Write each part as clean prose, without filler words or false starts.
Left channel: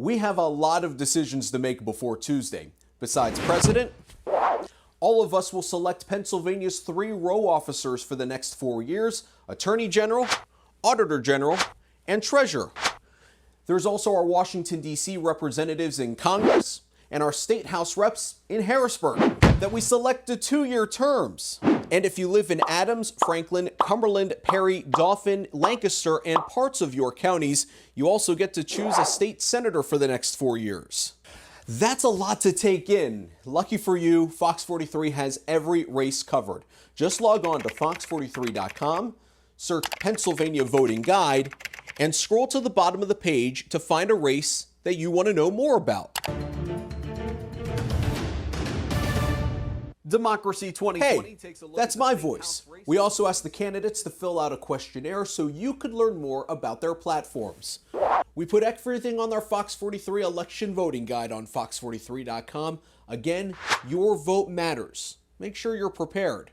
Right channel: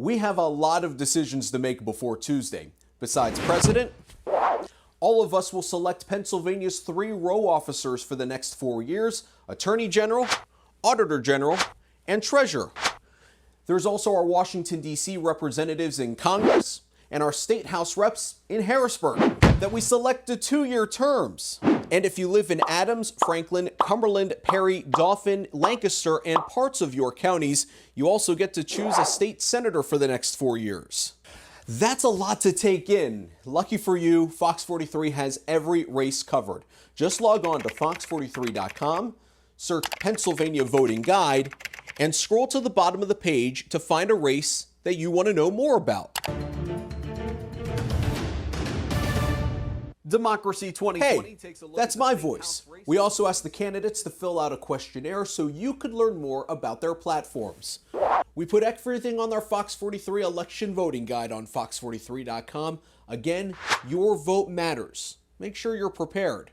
We have a lot of decisions to make before Tuesday. Besides president, all of us will select Pennsylvania's 3 row officers for the next 4 years: Attorney General, Auditor General, and Treasurer. There's also our Washington, D.C. representatives in Congress and our state house reps in Harrisburg that we select to 2-year terms. And if you live in Adams, Franklin, Cumberland, Perry, Dauphin, Lancaster, and parts of your counties, you also get to choose a state senator for the next 4 years. That's a lot to take in. Lucky for you, Fox 43 has every race covered. Just log on to fox43.com, search Pennsylvania Voting Guide, and scroll to the bottom of the page to find a race that you want to know more about. Democracy 2020 takes a look. That's my voice. We also asked the candidates to fill out a questionnaire so you could learn more about their platforms. We put everything on our Fox 43 election voting guide on fox43.com. Again, your vote matters. Make sure you're prepared.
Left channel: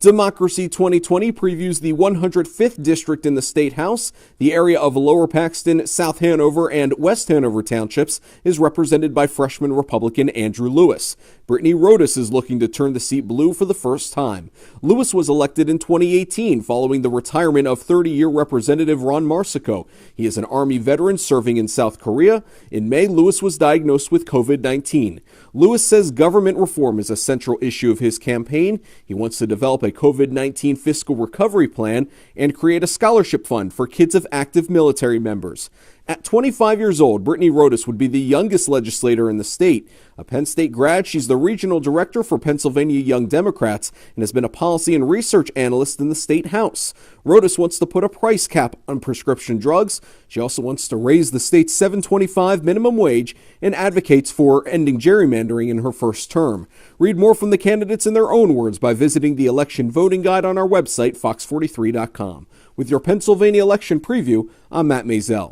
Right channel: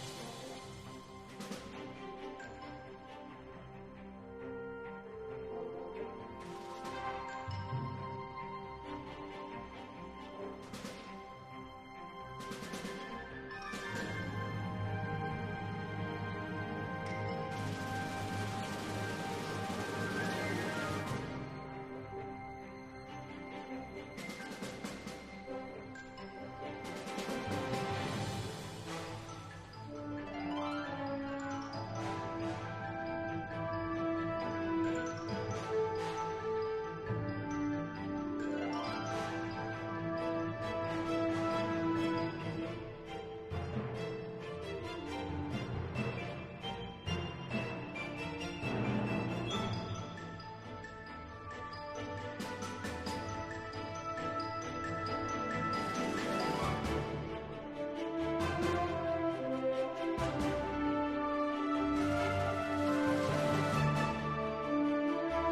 Democracy 2020 previews the 105th district in the State House. The area of Lower Paxton, South Hanover, and West Hanover townships is represented by freshman Republican Andrew Lewis. Brittany Rodas is looking to turn the seat blue for the first time. Lewis was elected in 2018 following the retirement of 30-year Representative Ron Marsico. He is an Army veteran serving in South Korea. In May, Lewis was diagnosed with COVID-19. Lewis says government reform is a central issue of his campaign. He wants to develop a COVID-19 fiscal recovery plan and create a scholarship fund for kids of active military members. At 25 years old, Brittany Rodas would be the youngest legislator in the state. A Penn State grad, she's the regional director for Pennsylvania Young Democrats and has been a policy and research analyst in the state house. Rodas wants to put a price cap on prescription drugs. She also wants to raise the state's $7.25 minimum wage and advocates for ending gerrymandering in her first term. Read more from the candidates in their own words by visiting the election voting guide on our website, fox43.com. With your Pennsylvania election preview, I'm Matt Maisel.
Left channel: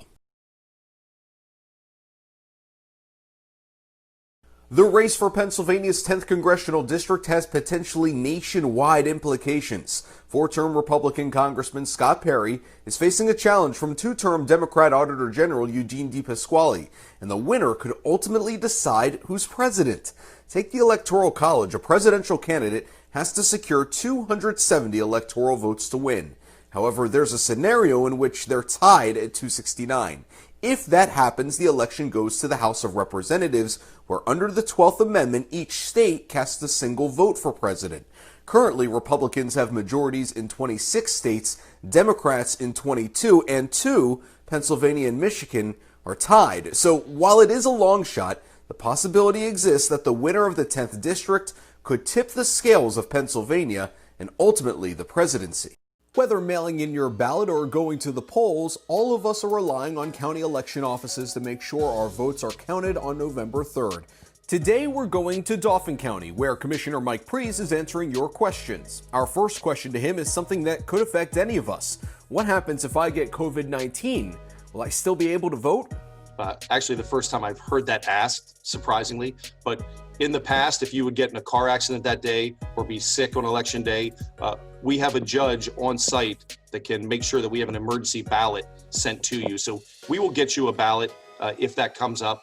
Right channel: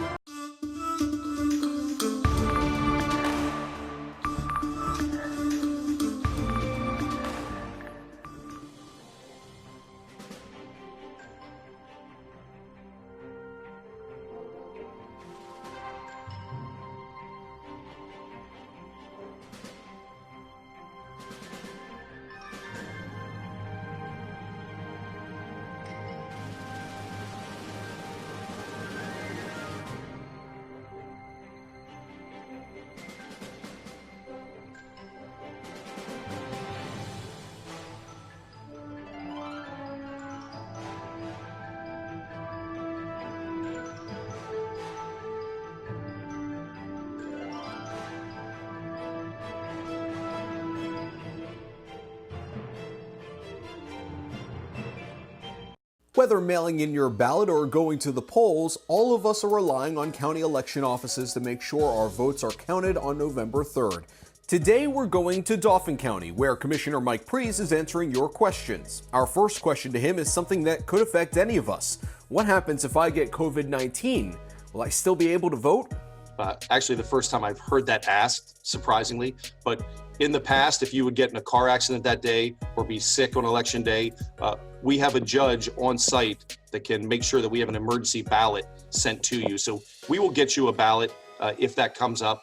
The race for Pennsylvania's 10th congressional district has potentially nationwide implications. 4-term Republican Congressman Scott Perry is facing a challenge from 2-term Democrat Auditor General Eugene DePasquale, and the winner could ultimately decide who's president. Take the Electoral College. A presidential candidate has to secure 270 electoral votes to win. However, there's a scenario in which they're tied at 269. If that happens, the election goes to the House of Representatives, where under the 12th Amendment, each state casts a single vote for president. Currently, Republicans have majorities in 26 states, Democrats in 22, and 2, Pennsylvania and Michigan, are tied. So while it is a long shot, the possibility exists that the winner of the 10th district could tip the scales of Pennsylvania and ultimately the presidency. Whether mailing in your ballot or going to the polls, all of us are relying on county election offices to make sure our votes are counted on November 3rd. Today we're going to Dauphin County, where Commissioner Mike Pries is answering your questions. Our first question to him is something that could affect any of us. What happens if I get COVID-19? Will I still be able to vote? Actually, the first time I've heard that asked, surprisingly, but in the past, if you would get in a car accident that day or be sick on election day, we have a judge on site that can make sure that we have an emergency ballot sent to you. So we will get you a ballot if that comes up.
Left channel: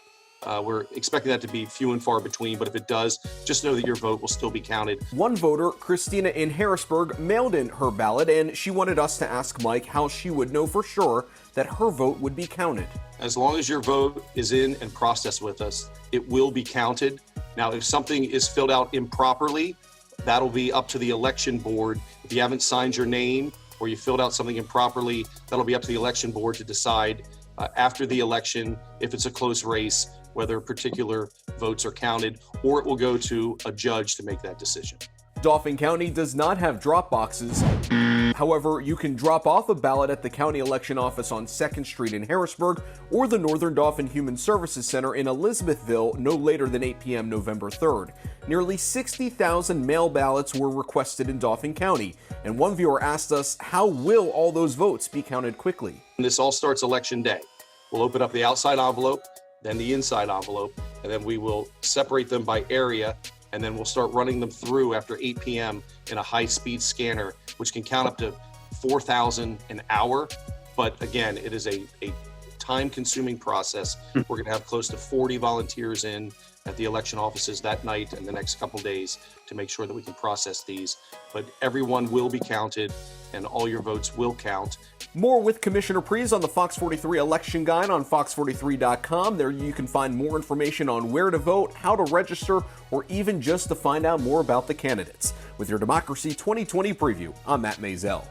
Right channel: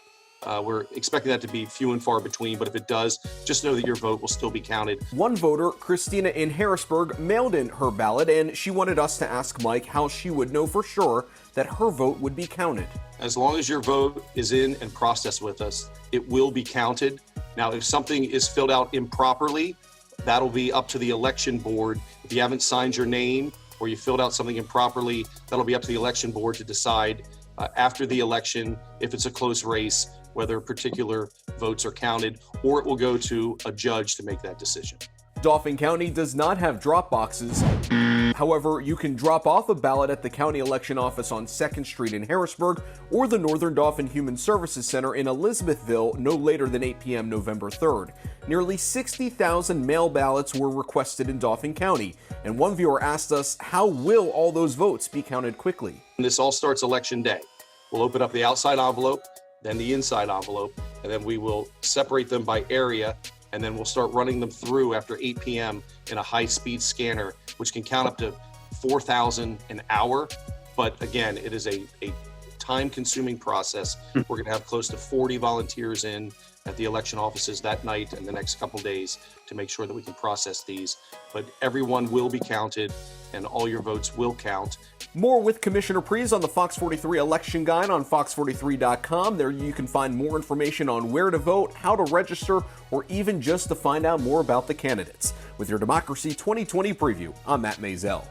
We're expecting that to be few and far between, but if it does, just know that your vote will still be counted. One voter, Christina in Harrisburg, mailed in her ballot, and she wanted us to ask Mike how she would know for sure that her vote would be counted. As long as your vote is in and processed with us, it will be counted. Now, if something is filled out improperly, that'll be up to the election board. If you haven't signed your name or you filled out something improperly, that'll be up to the election board to decide after the election, if it's a close race, whether particular votes are counted, or it will go to a judge to make that decision. Dauphin County does not have drop boxes. However, you can drop off a ballot at the county election office on 2nd Street in Harrisburg or the Northern Dauphin Human Services Center in Elizabethville no later than 8 p.m. November 3rd. Nearly 60,000 mail ballots were requested in Dauphin County, and one viewer asked us, how will all those votes be counted quickly? This all starts election day. We'll open up the outside envelope, then the inside envelope, and then we will separate them by area, and then we'll start running them through after 8 p.m. in a high-speed scanner, which can count up to $4,000 an hour. But again, it is a time-consuming process. We're going to have close to 40 volunteers in at the election offices that night and the next couple days to make sure that we can process these. But everyone will be counted and all your votes will count. More with Commissioner Pries on the Fox 43 election guide on fox43.com. There you can find more information on where to vote, how to register, or even just to find out more about the candidates. With your Democracy 2020 preview, I'm Matt Maisel.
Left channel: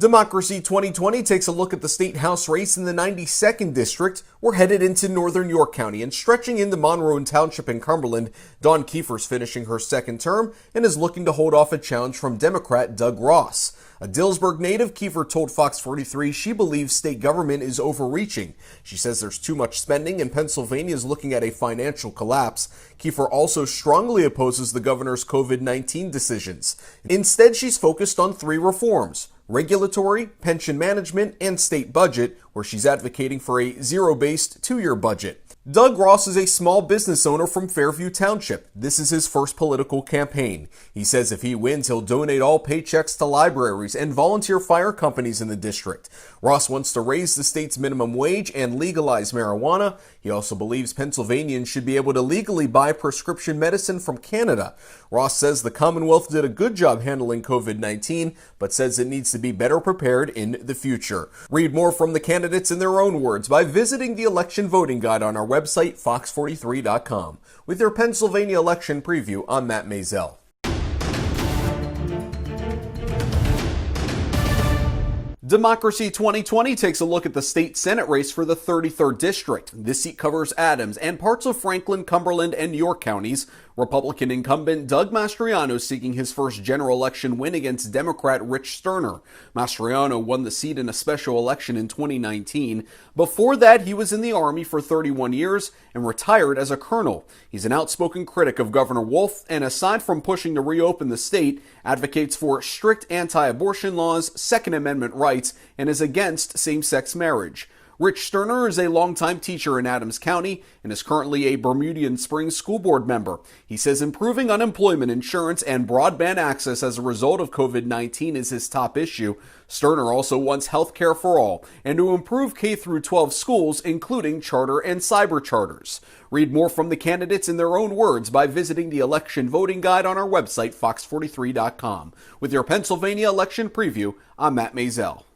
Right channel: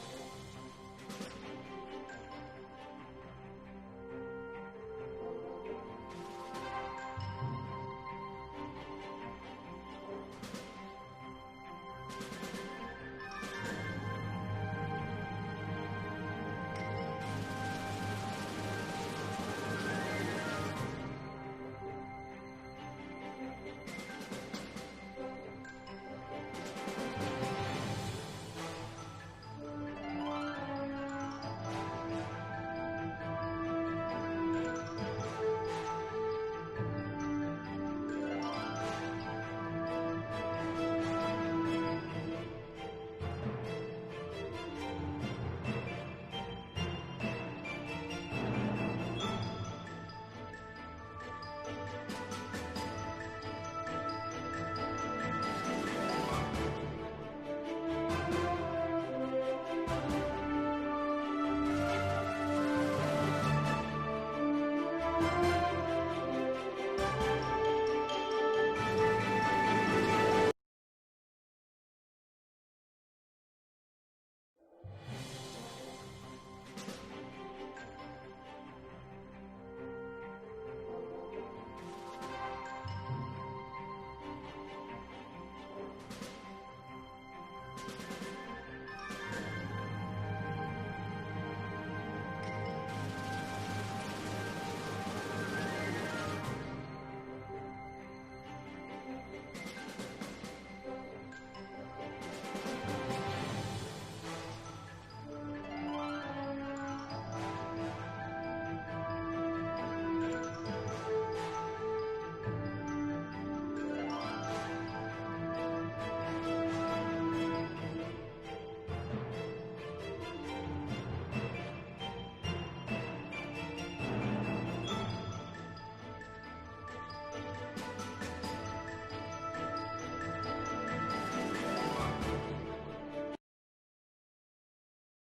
Democracy 2020 takes a look at the state house race in the 92nd district. We're headed into northern York County and stretching into Monroe Township in Cumberland. Dawn Kiefer's finishing her second term and is looking to hold off a challenge from Democrat Doug Ross. A Dillsburg native, Kiefer told Fox 43 she believes state government is overreaching. She says there's too much spending and Pennsylvania is looking at a financial collapse. Kiefer also strongly opposes the governor's COVID-19 decisions. Instead, she's focused on 3 reforms: regulatory, pension management, and state budget, where she's advocating for a zero-based 2-year budget. Doug Ross is a small business owner from Fairview Township. This is his first political campaign. He says if he wins, he'll donate all paychecks to libraries and volunteer fire companies in the district. Ross wants to raise the state's minimum wage and legalize marijuana. He also believes Pennsylvanians should be able to legally buy prescription medicine from Canada. Ross says the Commonwealth did a good job handling COVID-19, but says it needs to be better prepared in the future. Read more from the candidates in their own words by visiting the election voting guide on our website, fox43.com. With your Pennsylvania election preview, I'm Matt Maisel. Democracy 2020 takes a look at the state Senate race for the 33rd District. This seat covers Adams and parts of Franklin, Cumberland, and York counties. Republican incumbent Doug Mastriano seeking his first general election win against Democrat Rich Sterner. Mastriano won the seat in a special election in 2019. Before that, he was in the Army for 31 years and retired as a colonel. He's an outspoken critic of Governor Wolf, and aside from pushing to reopen the state, advocates for strict anti-abortion laws, Second Amendment rights, and is against same-sex marriage. Rich Sterner is a longtime teacher in Adams County and is currently a Bermudian Springs School Board member. He says improving unemployment insurance and broadband access as a result of COVID-19 is his top issue. Sterner also wants health care for all and to improve K-12 schools, including charter and cyber charters. Read more from the candidates in their own words by visiting the election voting guide on our website, fox43.com. With your Pennsylvania election preview, I'm Matt Maisel.